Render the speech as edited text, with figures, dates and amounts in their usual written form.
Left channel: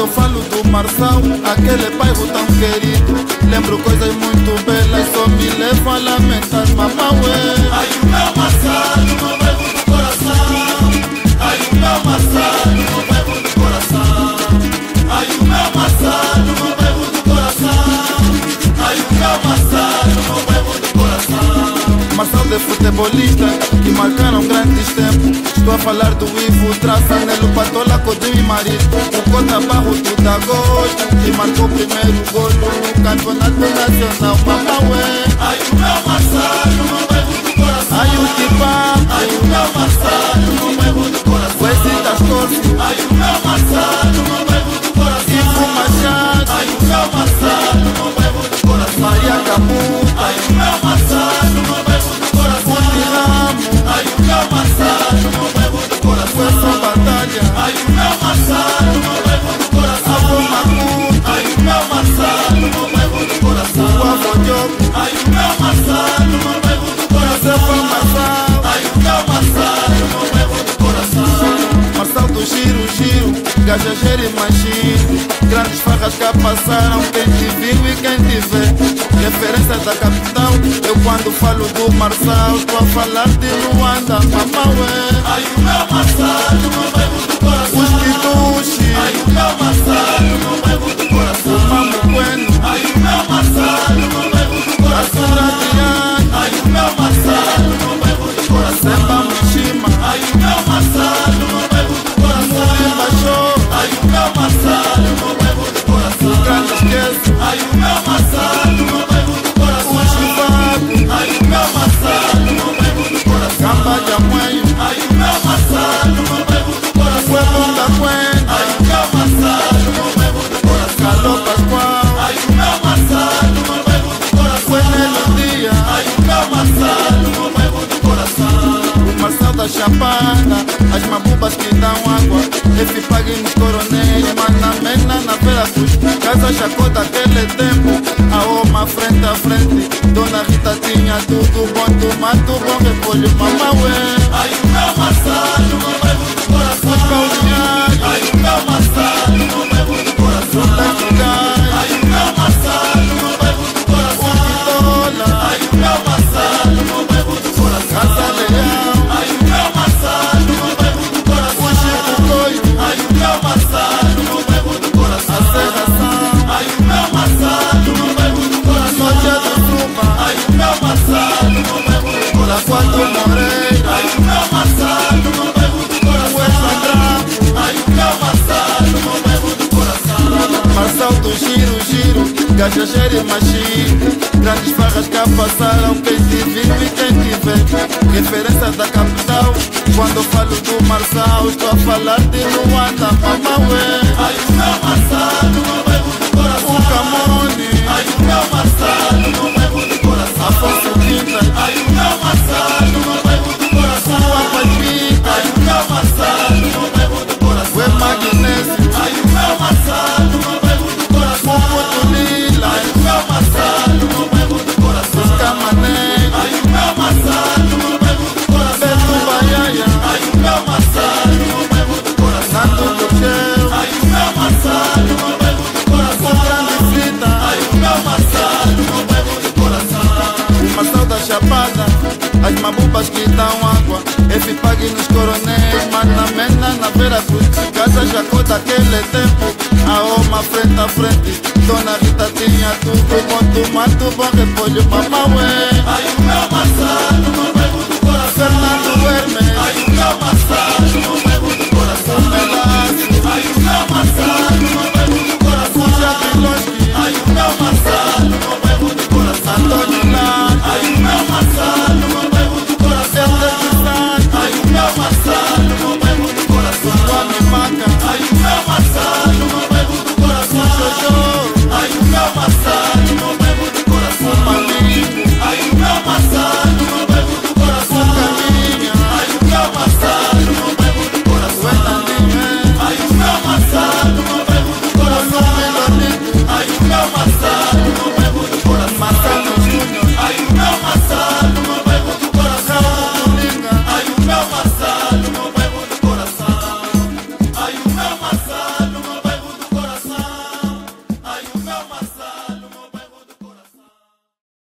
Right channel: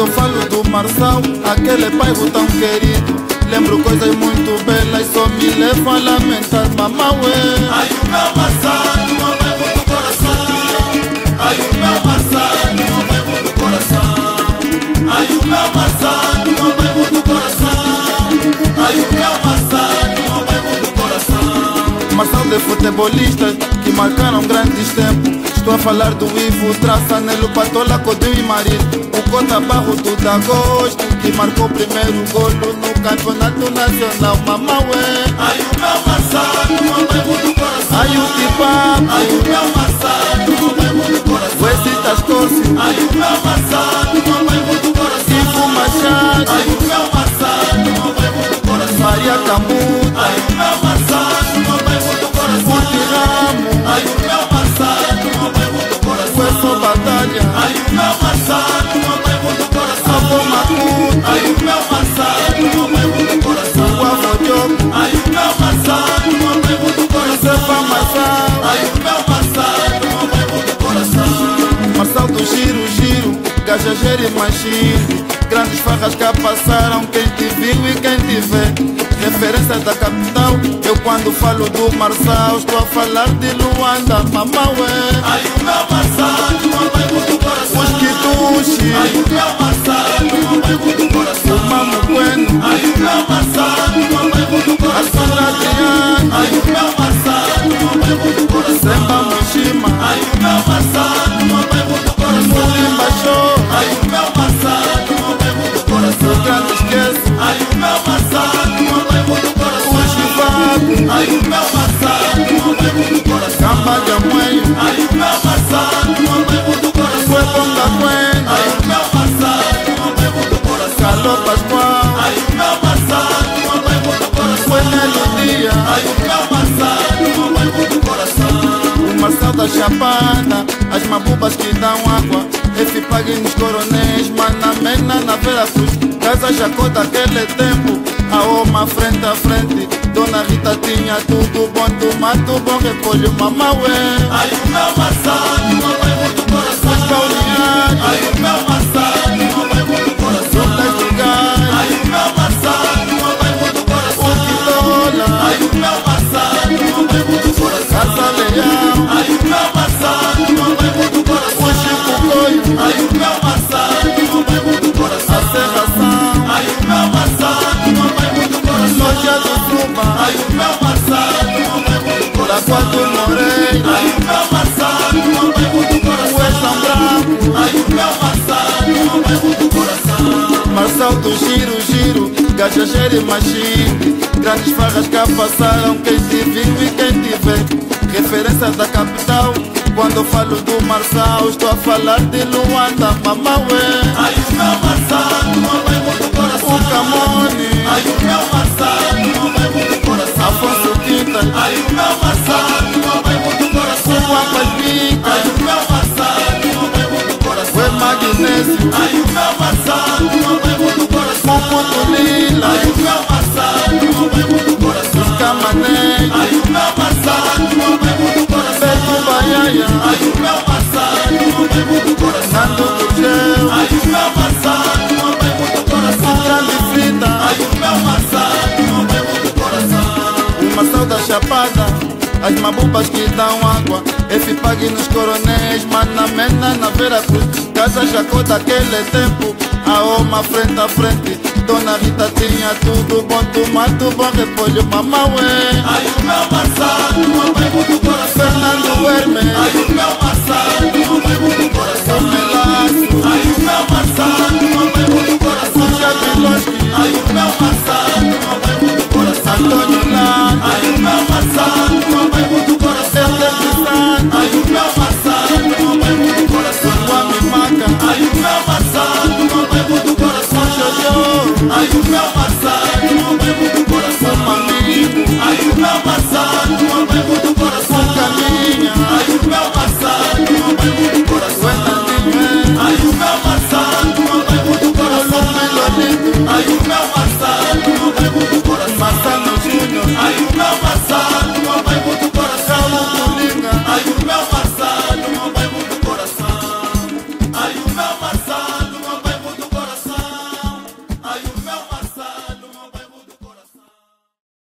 Quando falo do Marçal, aquele bairro tão querido, lembro coisas muito belas, só me levam a lamentar, mamaué. Ayuda Marçal, no bebo do coração. Ayuda Marçal, no bebo do coração. Ayuda Marçal, no bebo do coração. Ayuda Marçal, no bebo do coração. Marçal de futebolistas que marcaram grandes tempos. Estou a falar do Ivo, Traça, Nelo, Patola, Codinho e Marito. O Cota Barro do Dagosto, que marcou o primeiro golo no campeonato nacional, mamaué. Ayuda Marçal, no bebo do coração. Ayuti Papo, Ayuda Marçal, no bebo do coração. Wesitas Corcio, Ayuda Marçal, no bebo do coração. Ivo Machado, Ayuda Marçal, no bebo do coração. Maria Camuta, Ayuda Marçal, no bebo do coração. Puti Ramo, Ayuda Marçal, no bebo do coração. Hueso Batalha, Ayuda Marçal, no bebo do coração. Avô Macuto, Ayuda Marçal, no bebo do coração. o Avô Diogo, Ayuda Marçal, no bebo do coração. Josefa Marçal, Ayuda Marçal, no bebo do coração. Marçal do Giro, Giro, Gajajeiro e Machine. Grandes farras que passaram, quem te viu e quem te vê. Referência da capital, eu quando falo do Marçal, estou a falar de Luanda, mamaué. Ayuda Marçal, no bebo do coração. Os Quituxi, Ayuda Marçal, no bebo do coração. o Mamo Bueno, Ayuda Marçal, no bebo do a coração. Sura Adriano, Ayuda Marçal, no bebo do coração. Semba Mushima, Ayuda Marçal, no bebo do coração. Murimba Show, Ayuda Marçal, no bebo do coração. o Grande Esqueço, Ayuda Marçal, no bebo do coração. o Chivago, Ayuda Marçal, no bebo do coração. Camba de Amuenho, Ayuda Marçal, no bebo do coração. o Ebonga Cuenda, Ayuda Marçal, no bebo do coração. Caló Pascoal, Ayuda Marçal, no bebo do coração. o Enelo Dia, Ayuda Marçal, no bebo do coração. o Marçal da Chapada, as mabubas que dão água, F-Pag nos Coronéis, Manamena na Vera Cruz, Casa Jacó daquele tempo, a Oma frente a frente, Dona Rita tinha tudo bom, tomato bom, repolho, mamaué. Ayuda Marçal, no bebo do coração. Os balneários, Ayuda Marçal, no bebo do coração. Rulas do Gás, Ayuda Marçal, no bebo do coração. o Quitola, Ayuda Marçal, no bebo do coração. Casa Leão, Ayuda Marçal, no bebo do coração. o Chico Coio, Ayuda Marçal, no bebo do coração. a Serração, Ayuda Marçal, no bebo do coração. Loja do Suba, Ayuda Marçal, no bebo do coração. Lagoa do Moreira, Ayuda Marçal, no bebo do coração. o Exam Branco, Ayuda Marçal, no bebo do coração. Marçal do Giro, Giro, Gajajeiro e Machine. Grandes farras que passaram, quem te viu e quem te vê. Referência da capital, quando falo do Marçal, estou a falar de Luanda, mamaué. Ayuda Marçal, no bebo do coração. O Camone, Ayuda Marçal, no bebo do coração. Afonso Quinta, Ayuda Marçal, no bebo do coração. o Apapica, Ayuda Marçal, no bebo do coração. o Magnésio, Ayuda Marçal, no bebo do coração. o Puto Lila, Ayuda Marçal, no bebo do coração. os Camanés, Ayuda Marçal, no bebo do coração. Beto Baiaia, Ayuda Marçal, no bebo do coração. Nando Gurgel, Ayuda Marçal, no bebo do coração. o Grande Frita, Ayuda Marçal, no bebo do coração. o Marçal da Chapada, as mabubas que dão água, F-Pag nos Coronéis, Manamena na Vera Cruz, Casa Jacó daquele tempo, a Oma frente a frente, Dona Rita tinha tudo bom, tomato bom, repolho, mamaué. Ayuda Marçal, no bebo do coração. Fernando Hermes, Ayuda Marçal, no bebo do coração. o Melaço, Ayuda Marçal, no bebo do coração. o Jabilonski, Ayuda Marçal, no bebo do coração. Antônio Landa, Ayuda Marçal, no bebo do coração. Helder dos Santos, Ayuda Marçal, no bebo do coração. o Kwame Maca, Ayuda Marçal, no bebo do coração. o Jojo, Ayuda Marçal, no bebo do coração. o Mamingo, Ayuda Marçal, no bebo do coração. o Caminha, Ayuda Marçal, no bebo do coração. o Enandinho, Ayuda Marçal, no bebo do o coração. Lumbi Lolito, Ayuda Marçal, no bebo do coração. Marcano Júnior, Ayuda Marçal, no